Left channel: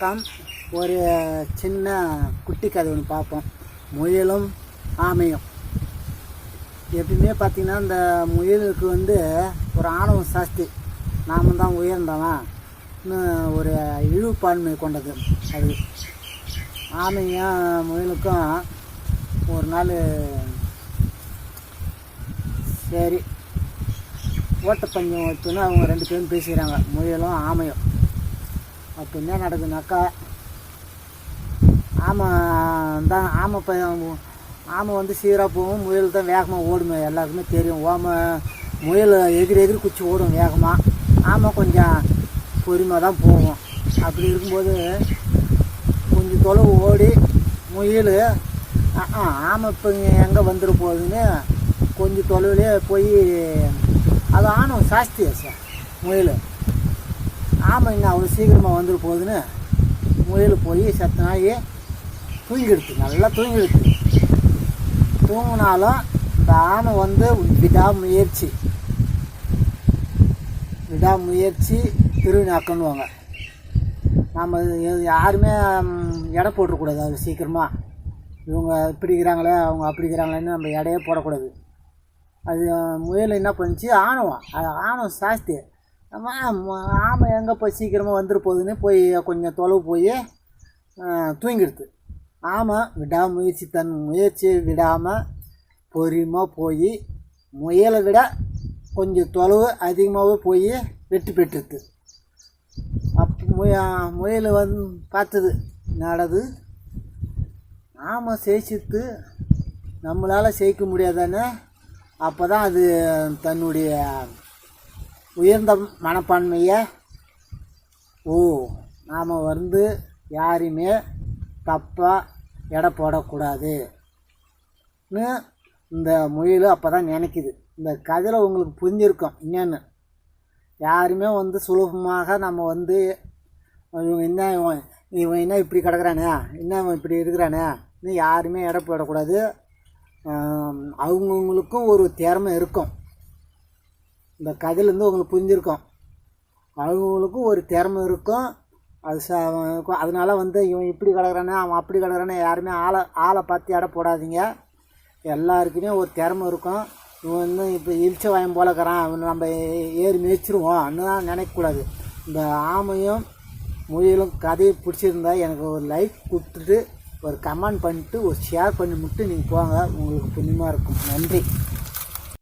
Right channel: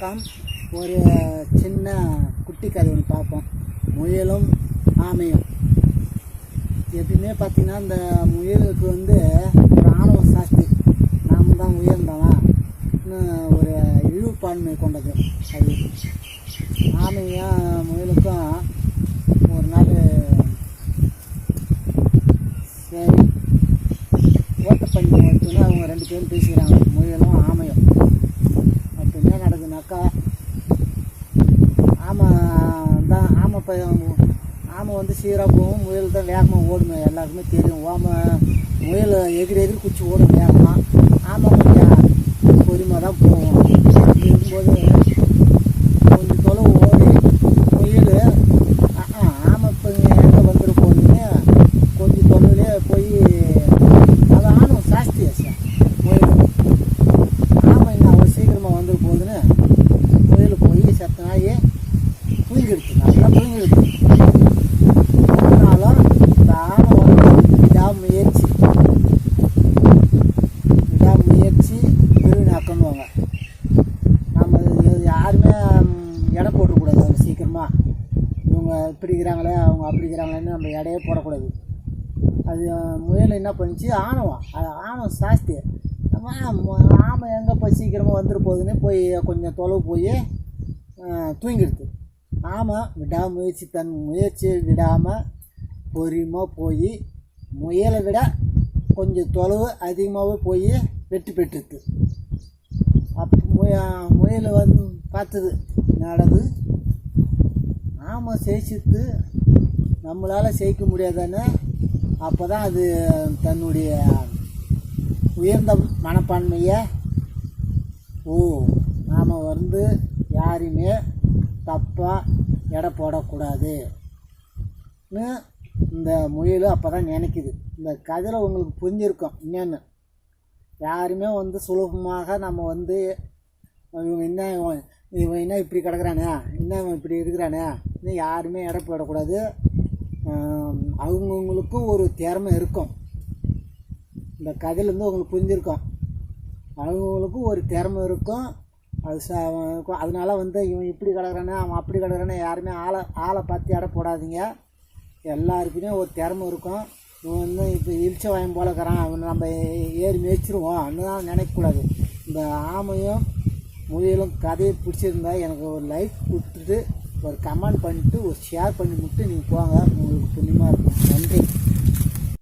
வணக்கம். ஒரு சின்ன குட்டி கதை ஒன்று பார்ப்போம். முயலும் ஆமையும். எப்படின்னே பார்த்தீங்கன்னா, இந்த முயலுக்கு ஒரு ஆணவம் சாஸ்தி. நாம் தான் உயர்ந்தவன் ஒரு இழிவுப்பான்மை கொண்டது. அது ஆமையும் முயலுக்கும் ஒரு நாள் சரி ஓட்டப்பந்தயம் வச்சுன்னு அவங்க 2 பேரும் பேசிக்கிறாங்க, முயலும் ஆமையும். அப்போ என்ன நடக்குதுனாக்கா, ஆமை சீராக போகும், முயல் தான் வேகமாக ஓடுமே. எல்லாருக்குமே தெரியும். முயல் எதிரி குச்சி ஓடும் வேகமாக, ஆமை கொஞ்சம் பொறுமையாக தான் போகும். அப்படி இருக்கும்போது கொஞ்சம் தொலைவு ஓடி முயல் ஆமை இப்போ எங்கே வந்துட போகுதுன்னு கொஞ்சம் தொலைவிலே போய், அது ஆணும் சாஸ்தியா சார் முயல். ஆமை இன்னும் அவ்வளோ சீக்கிரமாக வந்துட போகுதுன்னு முயல் போய் சத்த நாய் தூங்கிடுச்சு, நல்லா தூங்கிடுச்சு. தூங்கினாலும் இந்த ஆமை விடாமுயற்சி திருவினாக்கன்னுவாங்க. நம்ம யாருமே எடை போட்டுக்கூடாது. அது சீக்கிரமாக இவங்க இப்படி இருக்கிறாங்களே அவங்க அப்படி இருக்கிறாங்களேன்னு நம்ம எடையே போடக்கூடாது. அது முயல் என்ன பண்ணிச்சு, ஆணவம் சாஸ்தி. ஆமை எங்கே போய் சீக்கிரமாக வந்துட்டு போகுதுன்னு போய் கொஞ்சம் தொலைவு போய் தூங்கிடுது. ஆமை தன் முயற்சியை விடாமல் பொறுமையாக போய் முயலை விட கொஞ்சம் தொலைவு அதிகமாகவே போய் வெற்றி பெற்றுது. முயல் பார்த்தது நடது, ஆமை ஜெயிச்சிட்டு நம்மளால் ஜெயிக்க முடியாதானே. அப்போ தான் அது தன்னுடைய உயர்ந்த மனப்பான்மையை, நாம் யாரையுமே தப்பாக எடை போடக்கூடாதுன்னு இந்த முயல் அப்போ தான் நினைக்குது. இந்த கதையில் உங்களுக்கு புரிஞ்சிருக்கும் என்னென்னு. யாருமே சுலபமாக நம்ம இவன் என்ன இப்படி கிடக்குறானே, இவன் இப்படி இருக்கிறானே இன்னும் யாருமே எடை போடக்கூடாது. அவங்கவுங்களுக்கும் ஒரு திறமை இருக்கும். இந்த கதையிலேருந்து உங்களுக்கு புரிஞ்சிருக்கும். அவங்களுக்கும் ஒரு திறமை இருக்கும். அதனால இவன் இப்படி கிடக்குறானே அவன் அப்படி கிடக்குறானே யாருமே ஆளை பார்த்து எடை போடாதீங்க. எல்லாருக்குமே ஒரு திறமை இருக்கும். இவன் இப்போ இழிச்ச வாயம் போலக்கிறான், அவன் நம்ம ஏறி மேய்ச்சிருவோம் தான் நினைக்கக்கூடாது. இந்த ஆமையும் முயலும் கதையை பிடிச்சிருந்தா எனக்கு ஒரு லைக் கொடுத்துட்டு ஒரு கமெண்ட் பண்ணிட்டு ஒரு ஷேர் பண்ணி மட்டும் நீங்கள் போங்க. உங்களுக்கு புண்ணியமாக இருக்கும். நன்றி.